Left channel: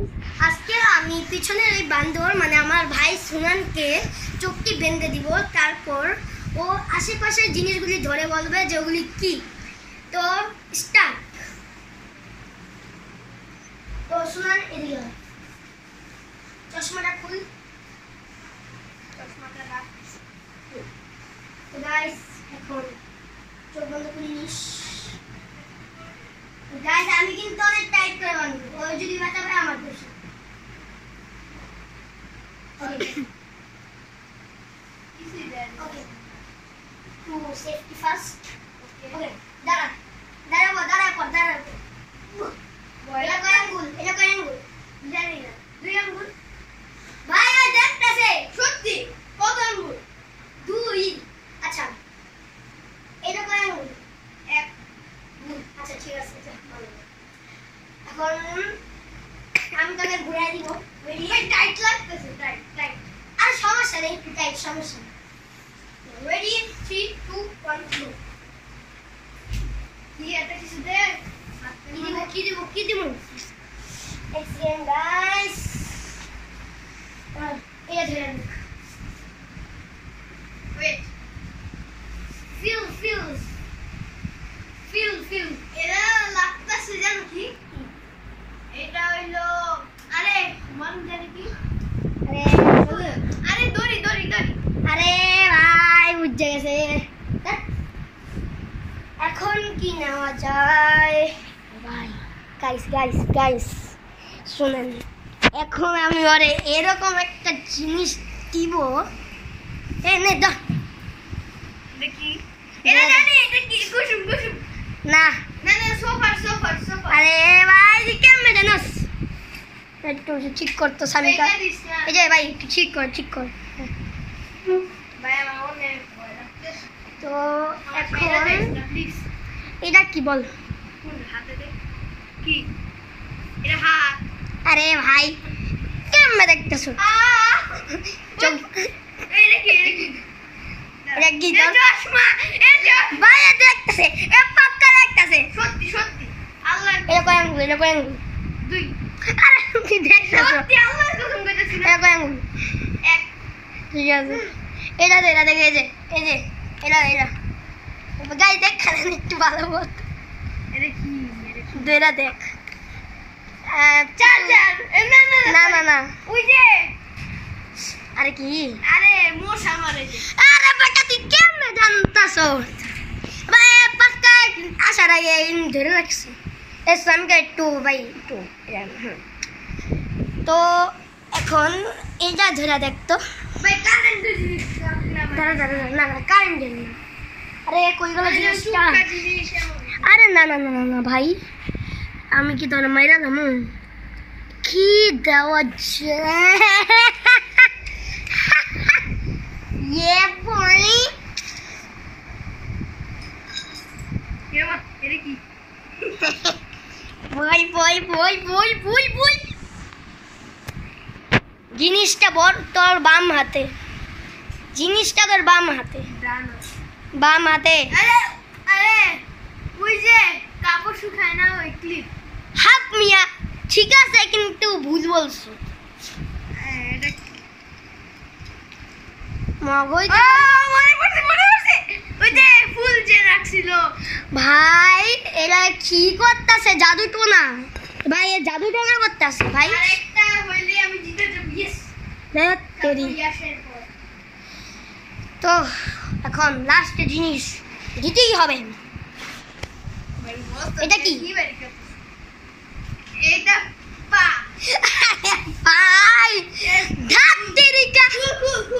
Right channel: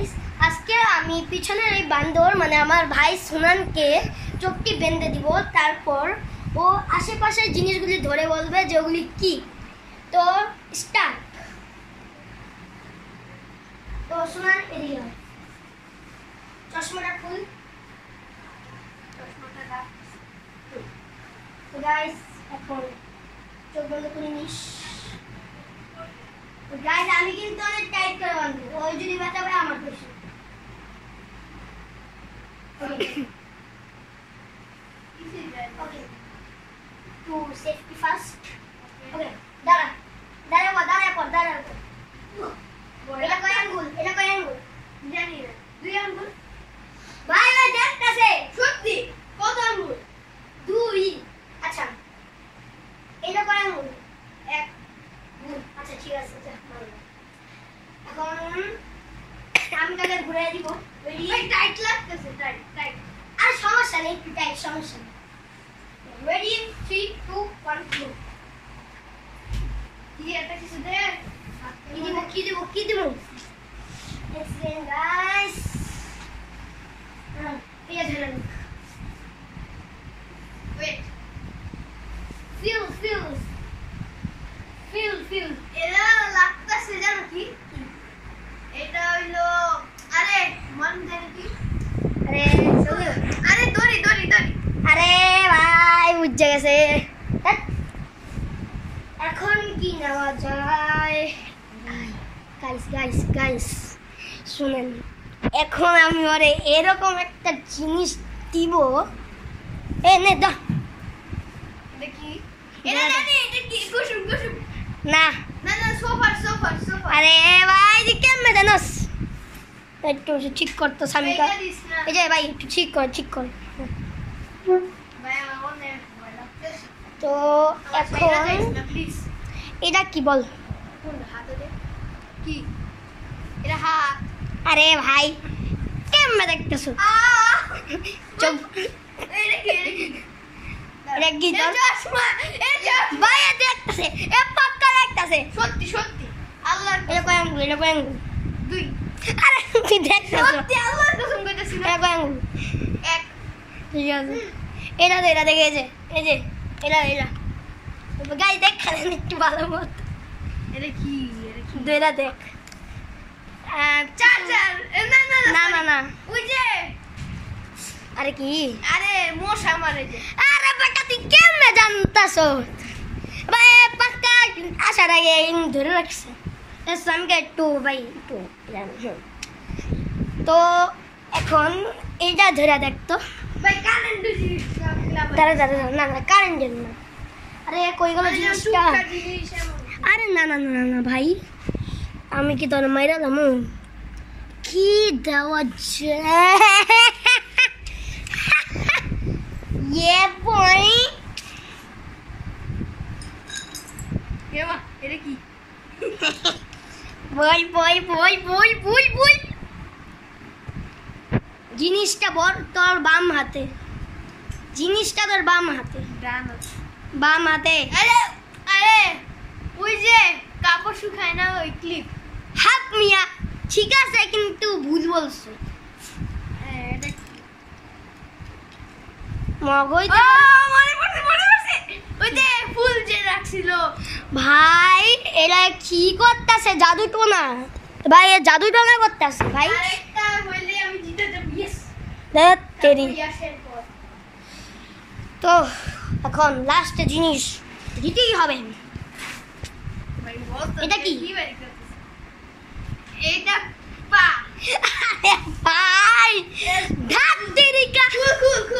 Guys, আজকে আমি পিছনের এই বান্দর মানে আমার ভাই সুনানকে চোখটি বেঁধে দিব। তারপর ও আশেপাশের জিনিসগুলি ধরে বলবে যে ওগুলি কি। তো স্টার্ট। তো সুনান এদিকে চশমাটা খুল। চশমাটা রাখ। তো গাইস এখন চোখ বন্ধ করে নিস। গাইস আমি কিন্তু অনেক টাইট করে বাঁধবো, ওই যদি ব্যথা পায় আমার দোষ। ওকে টু সেফটি ফার্স্ট। ওকে দাঁড়া দাঁড়াবো দাঁড়াবো দাঁড়াবো। এটা কয় আঙ্গুল? এটা কয় আঙ্গুল জানি না। 2 আঙ্গুল ভাই। ওই দেখতেছে সত্যি কত আঙ্গুল? 2। আচ্ছা এটা কয় আঙ্গুল? 1। আচ্ছা ঠিক আছে। এখন আমি তাকে ঘুরে দিব। টাইট লাগতেছে, টাইট টাইট। আর সমস্যা নেই, একটু টাইট সমস্যা নেই। রেডি 3 2 1 গো। কি এটা কিছু দে। কি দিব এক্সিলেন্ট গাইস। এটা ধরেন। ওয়েট ফিল এরা লাগতেছে জানো কি? এটা হইলো আরে মন জানি কি? আরে দড়ি। আরে ভাই বুঝে গেছে। এখন কি নেওয়া যায়? গাইস শুনেন, এখন আমি ওরে এরকম একটা জিনিস দিব। নে দাও দেখি। এটা জানি এটা কি? কুসুম না সোফার। আরে ভাই দি কেমনে জানোস? একটু ঠিক করতো সামিকা। এই যে ভাই একটু ঠিক কর। তো এখন এটা কি বল? কি এটা? হাত। আরে ভাই কেমনে দেখতেছো? চোখ। এটা কি চশমা? ভাই এটা দেখতেছে, এ পাক্কা দেখতেছে। সত্যি আল্লাহ। এটা কয় আঙ্গুল? 2। আরে তুই দেখতেছ সত্যি আল্লাহর কসম কইতাছি। এটা কয় আঙ্গুল? 1। ঠিক আছে এটা দেখে এই যে এটা গাই দেখ খালি একটু ভালো মত। এটা কি? এটা দেখ। চার। না ওই যে। আরে কি? আরে মশা মারে যে। আরে বেটা তুই কেমনে জানতাছ? ভাই পাক্কা আসার আগে ধরে রাখছে। আমি একটু ভাই একটু তো এখন এটা ধরে দেখতো। দাঁড়া না কারেন্ট দেন না। আরে কই গেল জিনিসটা? আরে না ভাই আমি কি তোর মাইরা দামু? কি দেওয়া যায়? ये boy এটা কি? বল জিনিসটা তোর বাম হাতে। বাম হাতে। আরে ওই যে কাপড় শুকায় না ওই ক্লিপ। হাত মিয়া ঠিক আছে কিন্তু ভুল বলছো। এটা মগজ মনে পড়ছে ওই যে ফুল যে রাখছিল। ভাই এরা কি করতেছে? জাদু টোনা ভাই, জাদু টোনা করতেছে ভাই। আরেকটা হইলে আমি জিতে যাব। ইয়েস দেখ তেরি। তো এখন লাস্ট জিনিস দিতেই হবে। এটা কি? এটা